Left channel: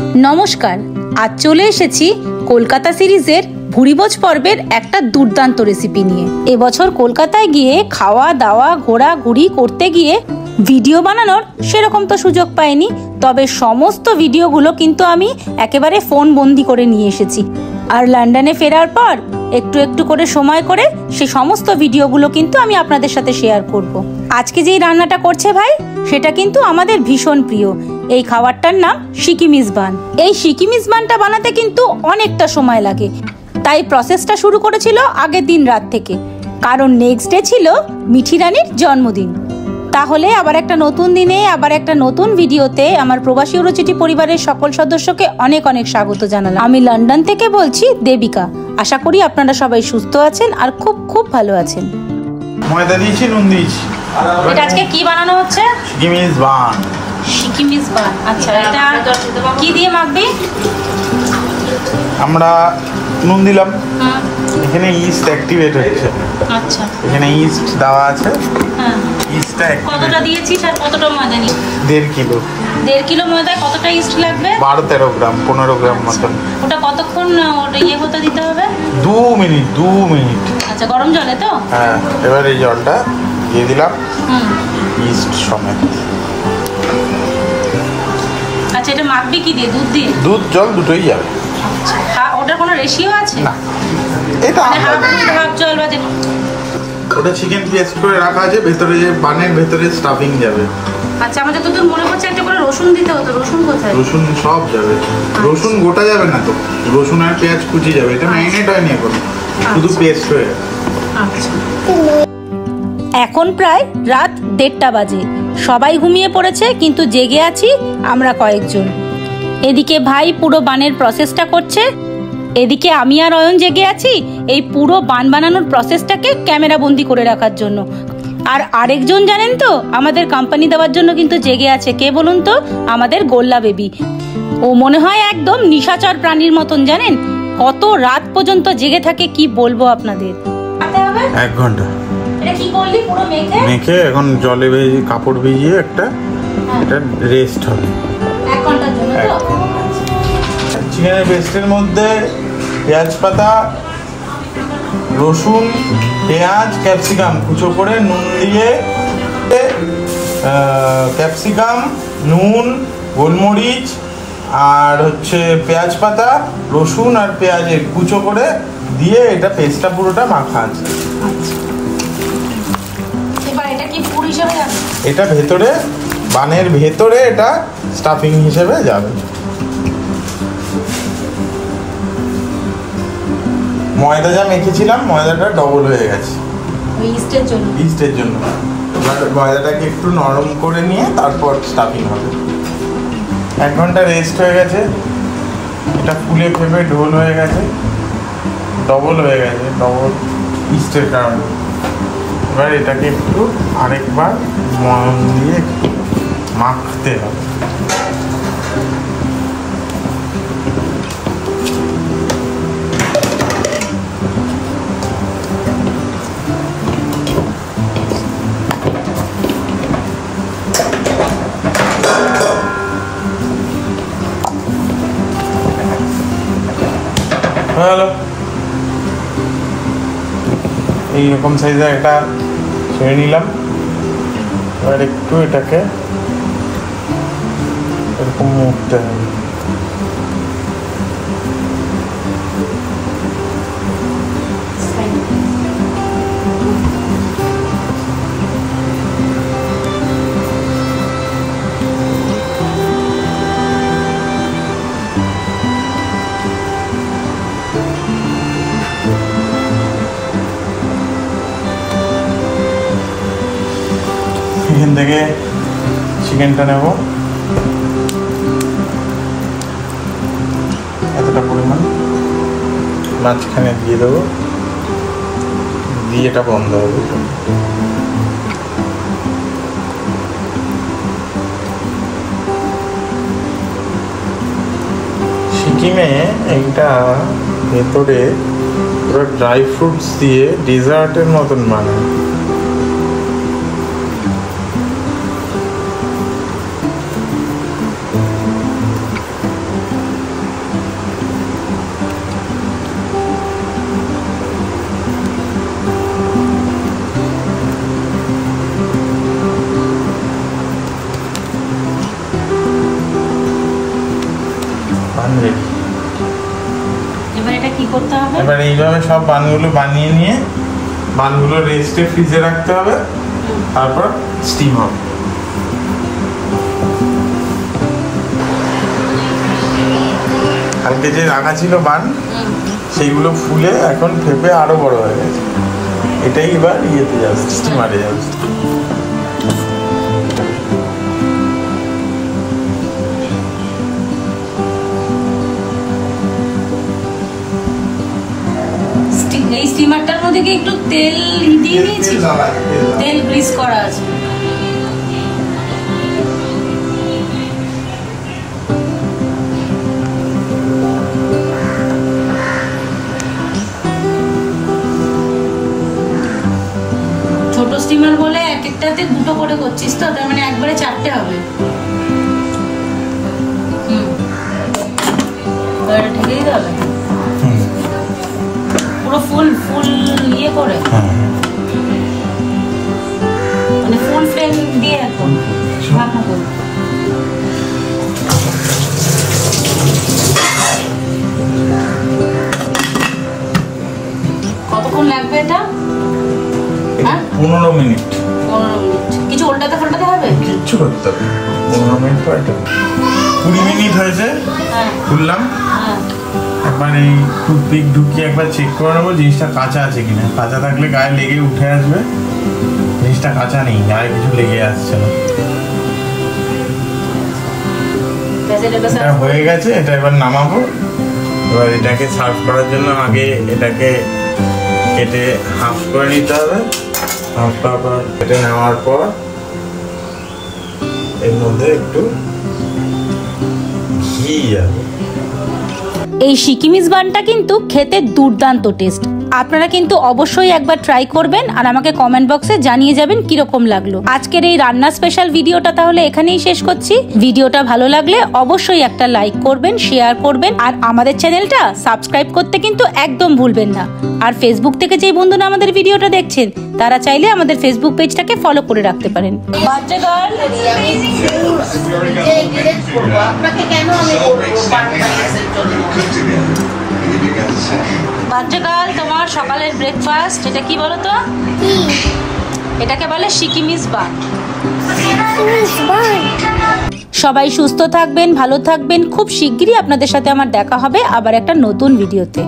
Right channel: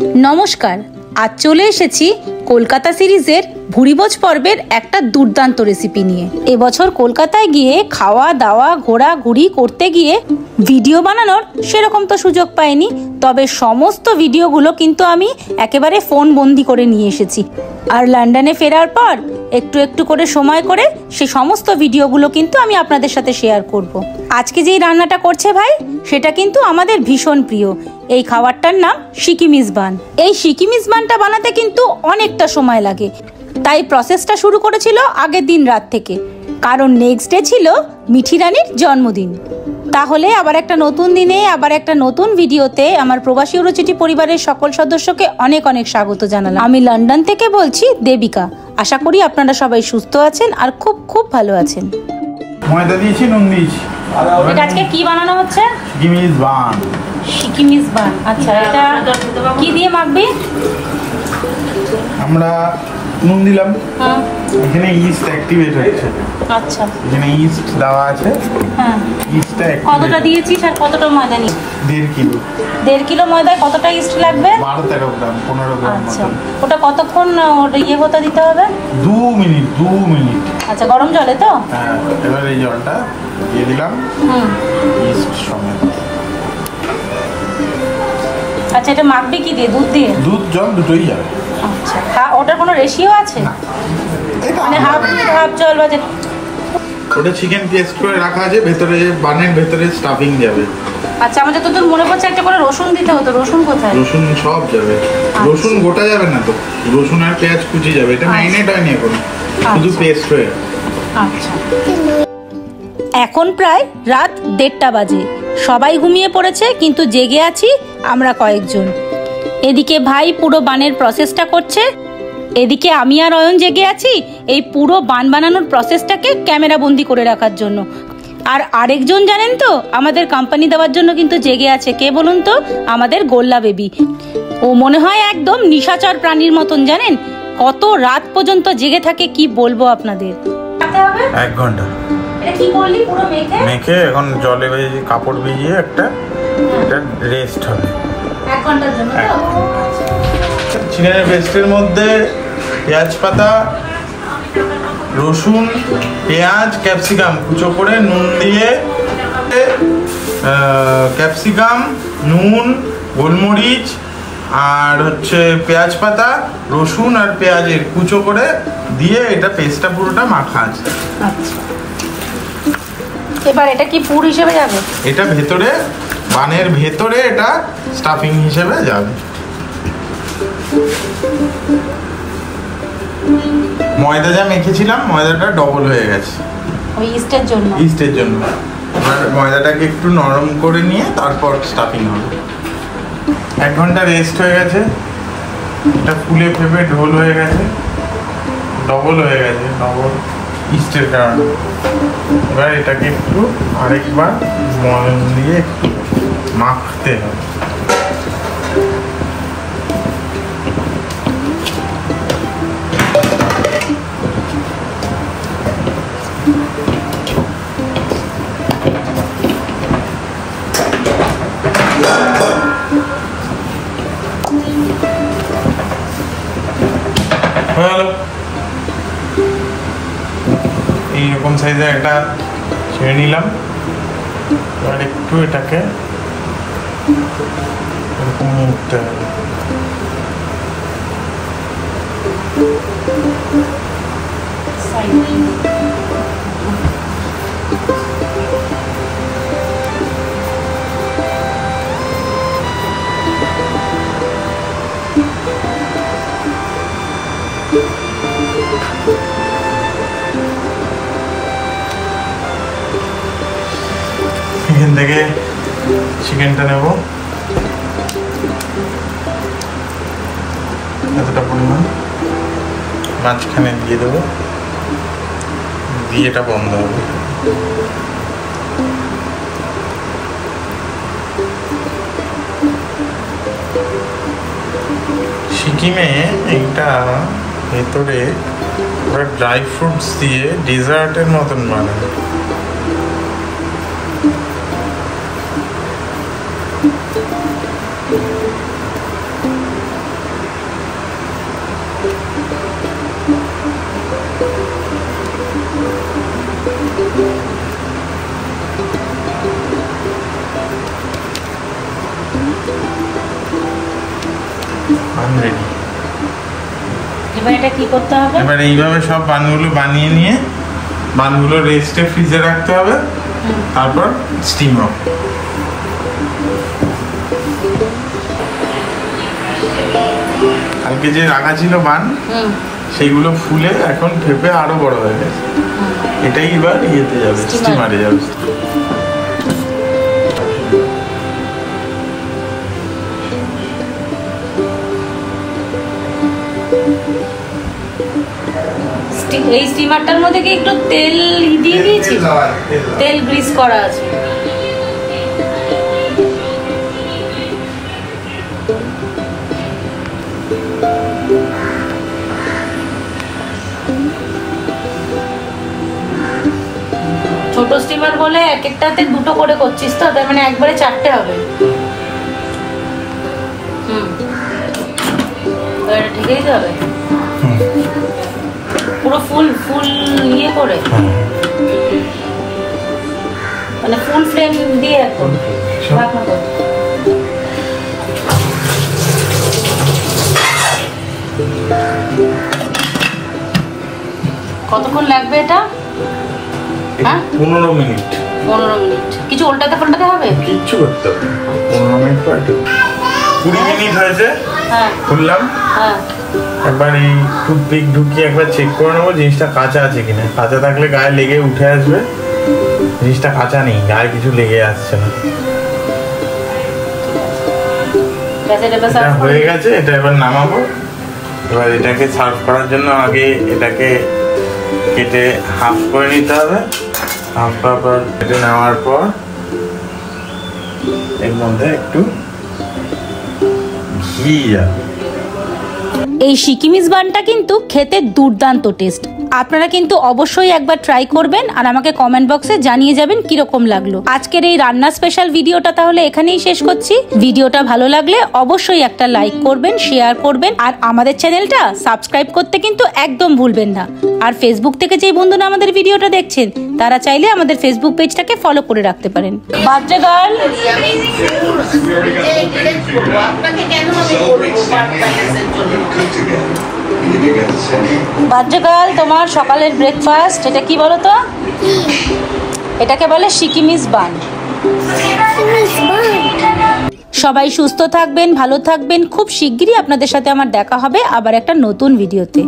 নমস্কার, আজ চলে এসেছি কলকাতা সিরিজের ভুরিভোজ পর্বের একটা দুর্দান্ত রেসিপি নিয়ে। এবছর কলকাতায় গিয়ে খাওয়া দাওয়া ঘোরাঘুরি করতে গিয়ে ভিডিও বানানোর সেরকম তো সুযোগ পাইনি, তবে সমস্ত ভিডিওগুলো কিন্তু আমি একেবারে ফোন বন্দি করে নিয়ে এসেছি। আর লন্ডনে ফেরার পর একটু একটু করে সময় করে সে সমস্ত ভিডিওগুলো কিন্তু আমি আপনাদের সাথে শেয়ার করব। আজকে যেই রান্নাটা করছে ভাই, সেটা কিন্তু আমাদের ভীষণ প্রিয়। এই খাবারটার নাম সিকি মিজবান। এই সিকি মিজবানটা বানাতে কিন্তু অনেকটা সময় লাগে, তাই প্রসেসটা শুরু করেছিল আগের দিন রাত থেকে, কারণ নেক্সট ডে ছিল মিঠি রানীর জন্মদিন। তাহলে আবার একটা নতুন দিনে আবার একটা নতুন ভিডিওতে আমার প্রবাসী অরুচিটি পরিবারের সকল সদস্যকে অনেক অনেক স্বাগত জানালাম। আমি লন্ডন থেকে বলছি দেবিকা। আশা করি আপনারা সবাই সুস্থ আছেন আর খুব খুব ভালো আছেন। ময়দা দিয়েছি, নুন দিয়েছি। এটা আজকে কি বানানো হচ্ছে? সিকি মিজবান। সিকি মিজবান, আচ্ছা। এটা কি দিয়ে মাখবি? আমরা নুন দিলাম, এখানে ইস্ট অ্যাক্টিভেট হচ্ছে। আচ্ছা, এখানে ইস্ট দেওয়া আছে। হ্যাঁ, ইস্টটা কতটা দিয়েছিস আর কতটা ময়দা নিয়ে? 1.5 কিলো। 1.5 কিলো ময়দায় কতটা ইস্ট লাগবে? 12-13 গ্রাম, 15 গ্রাম মতন। ওটা কতক্ষণ ইয়ে হতে দিতে হবে? 2 মিনিট। আচ্ছা, গরম জলে তো? হ্যাঁ, এবার এই জলটা দিয়ে দিলাম ইস্ট সমেত। আচ্ছা, এটা মাখবি কি দিয়ে? দুধ দিয়ে? দুধ জল দুটোই যাবে। আচ্ছা, ওটার কোনো রেশিও আছে? না, এটা মানে হাফ জল বা ওটা চিকেন পেস্ট করে রাখা আছে, ভেতরে বানের ভেতরে স্টাফিং যাবে। আচ্ছা, আমার যতদূর মনে পড়ছে একটা করে রসুন দিতে হতো। রসুন কোথায়? রসুন সব যাবে। রসুন গোটা যাবে না তো, রসুন আর পেঁয়াজ কুচি যাবে। এটা ম্যারিনেট হয়নি এখন, শুধু পেস্ট হয়ে। আচ্ছা, এখন প্রায় রাত 1:30 বাজে। সবাই ঘুমিয়ে পড়েছে, কিন্তু জেগে আছি আমরা কয়েকজন। এদিকে ভাই পুরো বানের প্রসেসটা করছে, এদিকে আমি আর অয়ন জেগে আছি এই পুরো বান বানানোর প্রসেসটাকে ক্যামেরা বন্দি করে রাখার জন্য। আর আরেকজন জানেন তো, আমাদের কোম্পানি দেওয়ার জন্য কিন্তু জেগে আছে। কে বলুন তো? আমাদের গোল্লা বেবি। ও মনে হয় একদম নিশাচর প্রাণীর মতন, জানেন কত রাত পর্যন্ত জেগে থাকে, কি বলবো আপনাদের। 1 ঘন্টা। এটা কি করলি? পুরো মেখে এখন জলে ভিজিয়ে কাপড় ভিজিয়ে একটা রেস্ট হবে 1 ঘন্টার জন্য। তো চিকেনের পেস্টের মধ্যে পেঁয়াজ পাতা, রসুন, পেঁয়াজ, ক্যাপসিকাম কুচো করে নুন দিয়ে, ক্যাপসিকাম, নুন, গোলমরিচ আর হচ্ছে পেঁয়াজ পাতা, রসুন আর পেঁয়াজের কুচো করে দিয়ে এটা পেস্টটা পুরোটা মাখা আছে। এবার এটা কি পুর হিসেবে যাবে? এটা ভেতরে বানের ভেতরে এটা স্টাফিং হিসেবে যাবে। ময়দা যা মেখেছিলাম, ময়দাটা ডবল হয়ে গেছে ওই ইস্টের জন্য। ময়দাটাকে একটু নরম করে নিয়ে তারপর স্টাফিং হবে। 1 ঘন্টা রেস্ট হয়ে গেছে, এটা ফুলে ফেপে ঢোল হয়ে গেছে, ডবল হয়ে গেছে, ডবল ইস্টের কারণে। এবার এটাকে একটু আরেকবার ময়দা দিয়ে একটু মাখতে হবে। এইরকম সাইজের একটা ছেড়ে নিলাম। এবার একটু এটাকে এরকম মুড়তে হবে। এখান থেকে চিকেনটা নেব, এতটা পরিমাণ মাঝখানে দিয়ে দেবো, দিয়ে এটা বন্ধ হবে। সিকিমে এইটা ভেতরে পুরো ড্রাই ফ্রুটস দিয়ে ডিজার্টের মতন বানায়। এবার এটা কি করতে হবে? এবার এইভাবে সব বানগুলো বানিয়ে নিয়ে বানগুলো রেস্টে ফ্রিজে রাখতে হবে, তারপর স্টিম হবে। কালকে যে রাখা ছিল বান, সেইগুলো ফুলে এখন ফেপে আরো বড় হয়ে গেছে। এটাই এবার ইয়েতে যাবে, স্টিমারে যাবে। এই স্টিমারটার মধ্যে কি একটু তেল দিয়ে দিয়েছি? তেল গ্রিস করা আছে। ছোট স্টিমার বলে এক একটাতে দুটো করে করছিস তো, তার মানে একবারে 4টে হবে। ঢেকেই দেবে পুরো ফুল ইয়ে করে, মানে ফুল ফ্লেম দিয়ে এখন রান্না করব। কতক্ষণ লাগবে এটা? হ্যাঁ 15 মিনিট। 15 মিনিট। কিছু উল্টাতে পাল্টাতে হবে? কিচ্ছু করতে হবে 15 মিনিট পর 20 মিনিট হয়েছে। হ্যাঁ খুললাম। হ্যাঁ একবার এই টুথপিক ঢুকিয়ে একবার চেক করে নেবো জিনিসটা কাঁচা আছে কিনা। কাঁচা থাকলে গায়ে লেগে উঠে আসবে, জিনিসটা কাঁচা নেই, গায়ে কিছু লেগে আসছে না। হয়ে গেছে, এটা এবার নামাবো। এবার এটাকে সার্ভ করার জন্য আগে এটাকে কেটে হাফ করে নিতে হবে। হাফ করে কেটে নেওয়ার পর এর মধ্যে একটু ঘি যাবে। এই সিকিমিজ বানটা কিন্তু খেতে দুর্দান্ত টেস্ট। আপনারা কিন্তু অবশ্যই একবার ট্রাই করবেন আর আমাকে কমেন্ট বক্সে জানিয়ে যাবেন কিরকম লাগলো। আজকের এই রান্না স্পেশাল ভিডিওটা তাহলে এখানেই শেষ করছি। ভিডিওটা ভালো লাগলে অবশ্যই একটা লাইক করবেন, শেয়ার করবেন আর আমাদের চ্যানেলটা সাবস্ক্রাইব করতে কিন্তু একদম ভুলবেন না। আর ফেসবুক থেকে যে বন্ধুরা আমাদের ভিডিওটা দেখছেন তারা চাইলে আমাদের ফেসবুক পেজটাকে ফলো করে রাখতে পারেন। বাচ্চা গার্ল বাচ্চাকাল তোমার সকালের ব্রেকফাস্ট এটা কি বলো তো? এটাকে বলে সিকিমিজ বান। সবাই সুস্থ থাকবেন, ভালো থাকবেন। খুব শিগগিরই আপনাদের সাথে আমার দেখা হবে আবার একটা নতুন ভিডিওতে।